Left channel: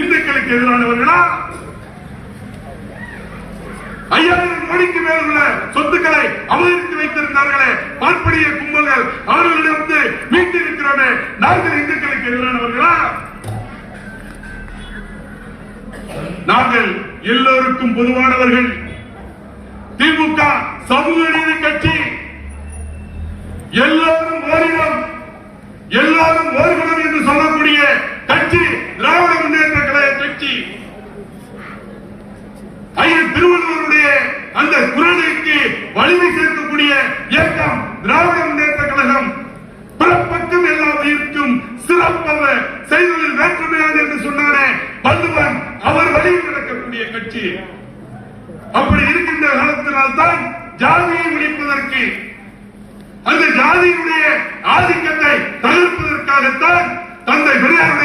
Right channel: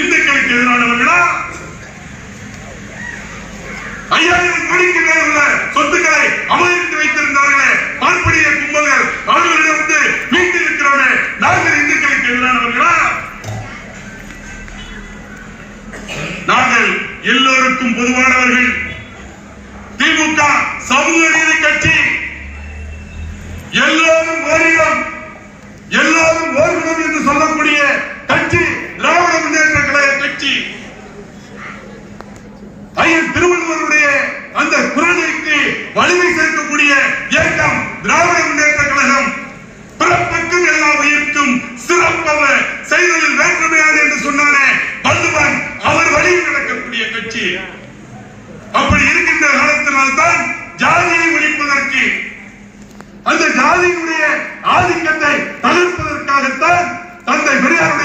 இந்துக்களுக்கு எதிரானவர்களா? 5000 கோடிக்கு மேல் உள்ள சொத்துக்களை அபகரித்து வைத்திருந்தார்களே பார்ப்பனிய கும்பல்கள், அவர்களிடம் வந்து மீட்டிருக்கிறோமே, நாங்கள் இந்துக்களுக்கு எதிரானவர்களா? நாங்கள் எல்லோருக்கும் பொதுவானவர்கள். திமுக சமூக நீதி கட்சி, எல்லோரும் ஓரிடம், எல்லோரும் ஓர்குணம் என்று சொல்லக்கூடிய கட்சி திராவிட முன்னேற்ற கழக கட்சி. ஐயன் திருவள்ளுவருடைய அந்த குரலுக்கு வலிமை சேர்க்கக்கூடிய இயக்கம் திராவிட முன்னேற்ற கழகம். பிறப்பக்கும் எல்லா உயிர்க்கும் சிறப்பவ செய்ததில் வேற்றுமையாது என்று சொன்னானே வள்ளுவன், அவர் வழியில் நடக்கக்கூடிய கட்சி. அப்படி இருக்கின்ற காலத்தினால்தான் ஜாதியை ஒழிப்பதற்கு, அந்த ஜாதியினுடைய ஆதிக்கத்தை தவிர்ப்பதற்காகத்தான் தந்தை பெரியார்